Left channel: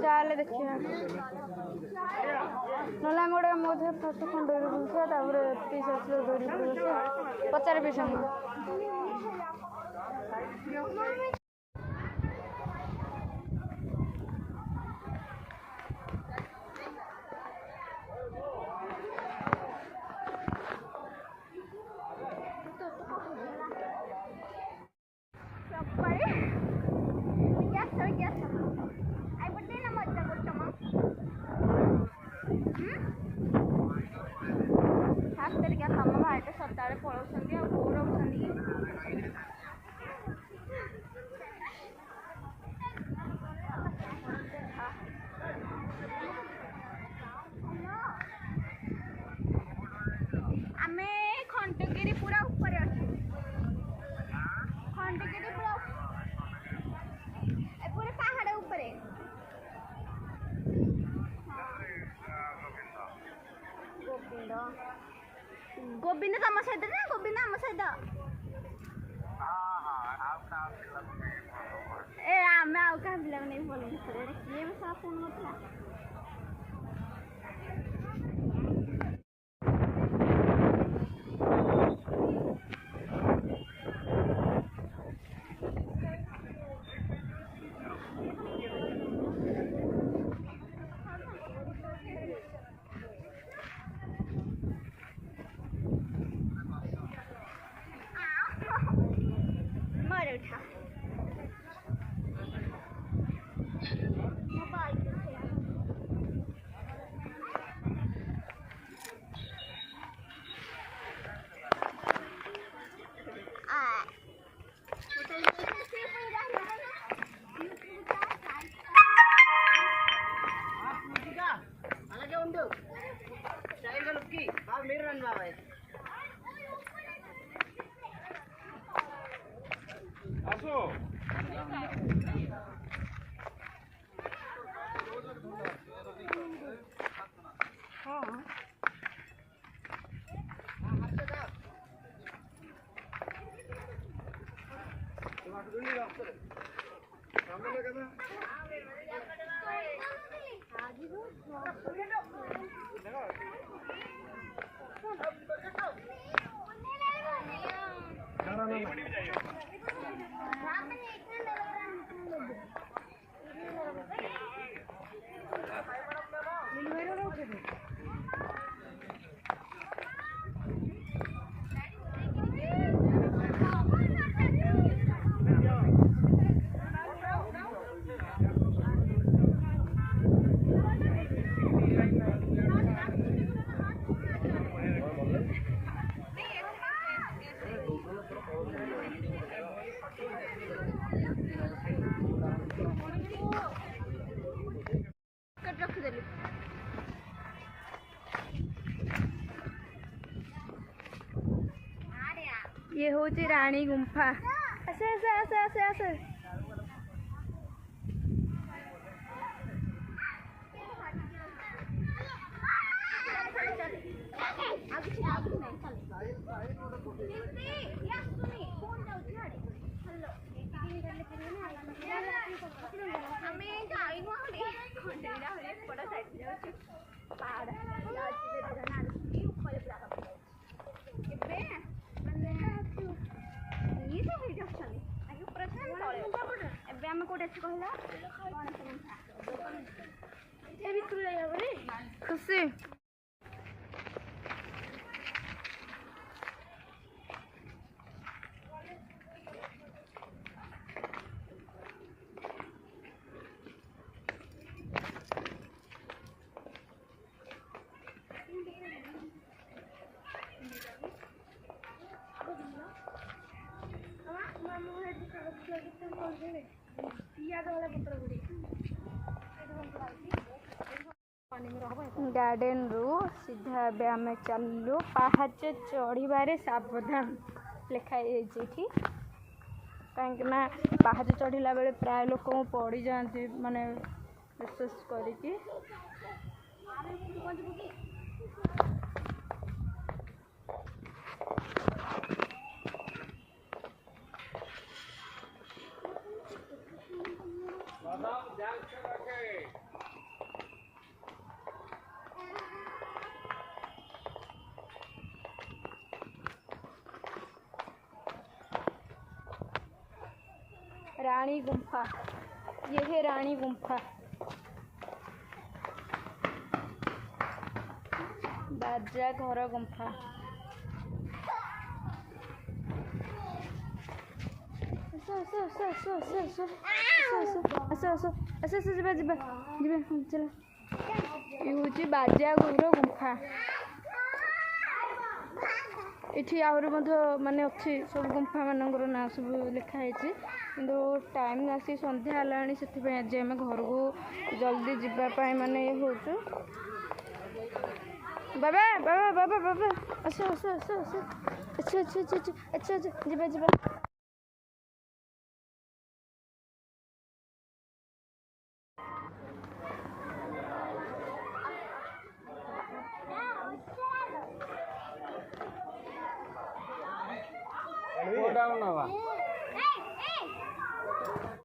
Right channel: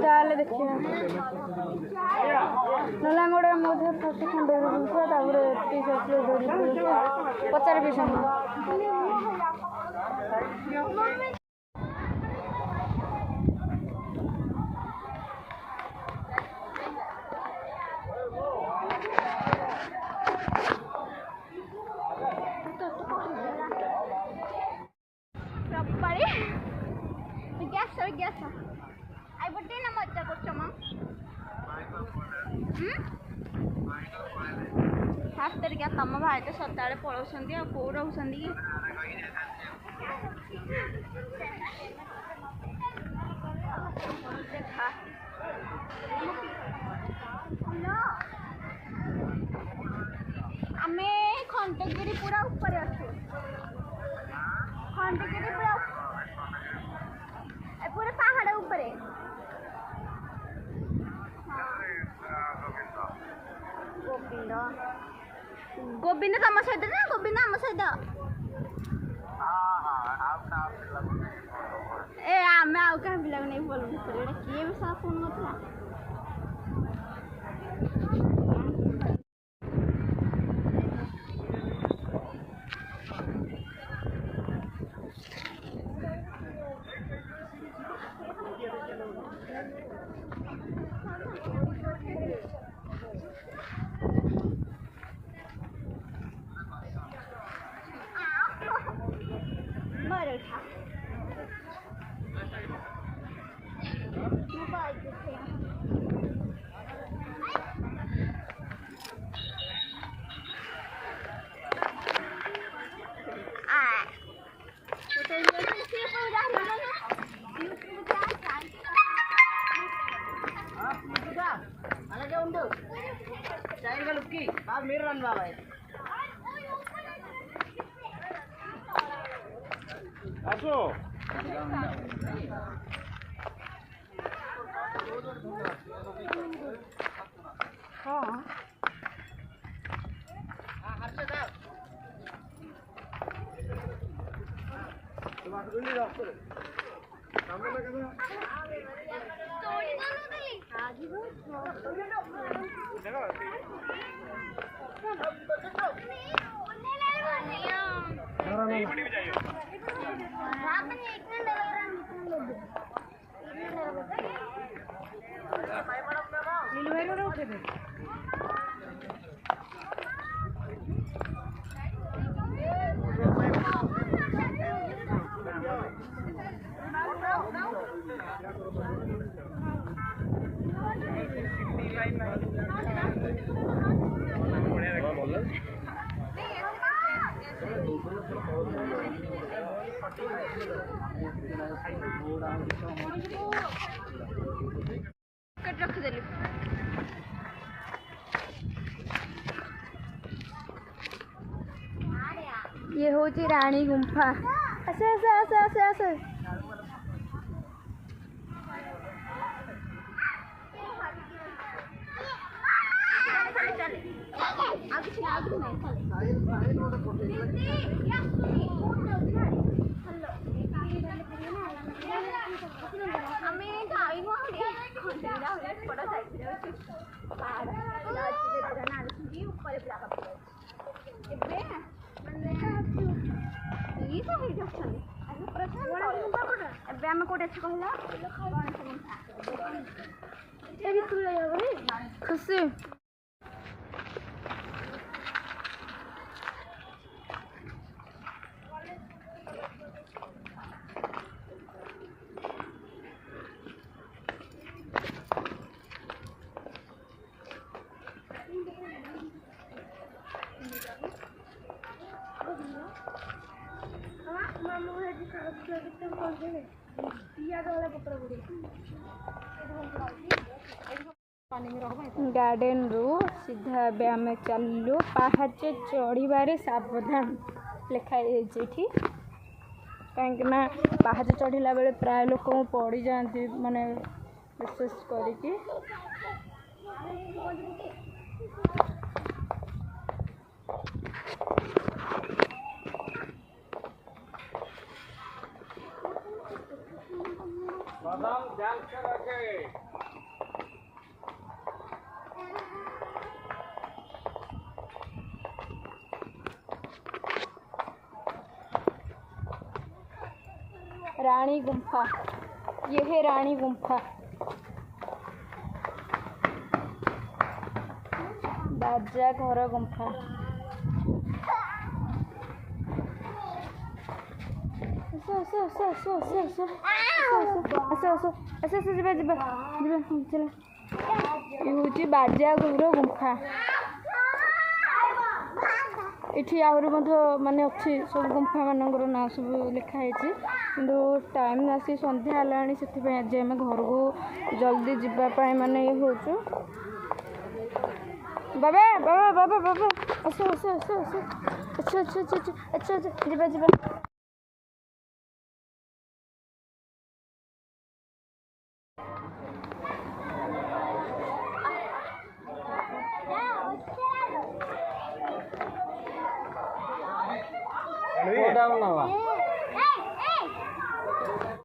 ଚାଲେ ଦେଖିବା ନହେଲେ ଆମେ ଗୋଟେ ମଧ୍ୟ ଫାଷ୍ଟ ଖଣ୍ଡରେ ବୁଲୁଥିବା ତାପରେ ପିସ୍ ଆସିଲେ ଧରି ପଚାରେ ପିସ୍ ତମ ଭାଇ ତ ସଦାବେଳେ ପଳାଉଛନ୍ତି ଆଉ କୋଉ ରହୁଛନ୍ତି କି ଆମେ ଖଣ୍ଡଗିରି ପୁରା ଉପରେ ଅଛୁ ଖଣ୍ଡଗିରି ପୁରା ପୁରା ପାହାଡ଼ ଉପରେ गोविंद तम सहित ना गोविंद आम सहित ए आम आउ क्या पिला नहीं बोल किए भी साफ फोन नथला रखिदेली ये हूँ राणी गुंफा आसे आसे आसे आसे आसे आम कौटे खुशी गार्डन रु सीधा आम चलू पहाच चढ़ारे सावधान लिखाई कहीं पहाच चढ़ला बेले प्राय लोक पड़ जाती माने विशेष करी रानी गुम्फा, ये है रानी गुम्फा। बाजा घर गुम्फा। ये हूँ बाजा घर गुम्फा। ये आहरी माने अच्छी सब गुम्फा मानकर ना सब लिखाई कि टाइम आसी सन्ध्या है से आज आम घर को जल्दी जावाई माने हो बाबा बाबा बाबा बाबा आस आस आस आस अच्छा अच्छा अच्छा अच्छा अच्छा जीवा जीवा Down now.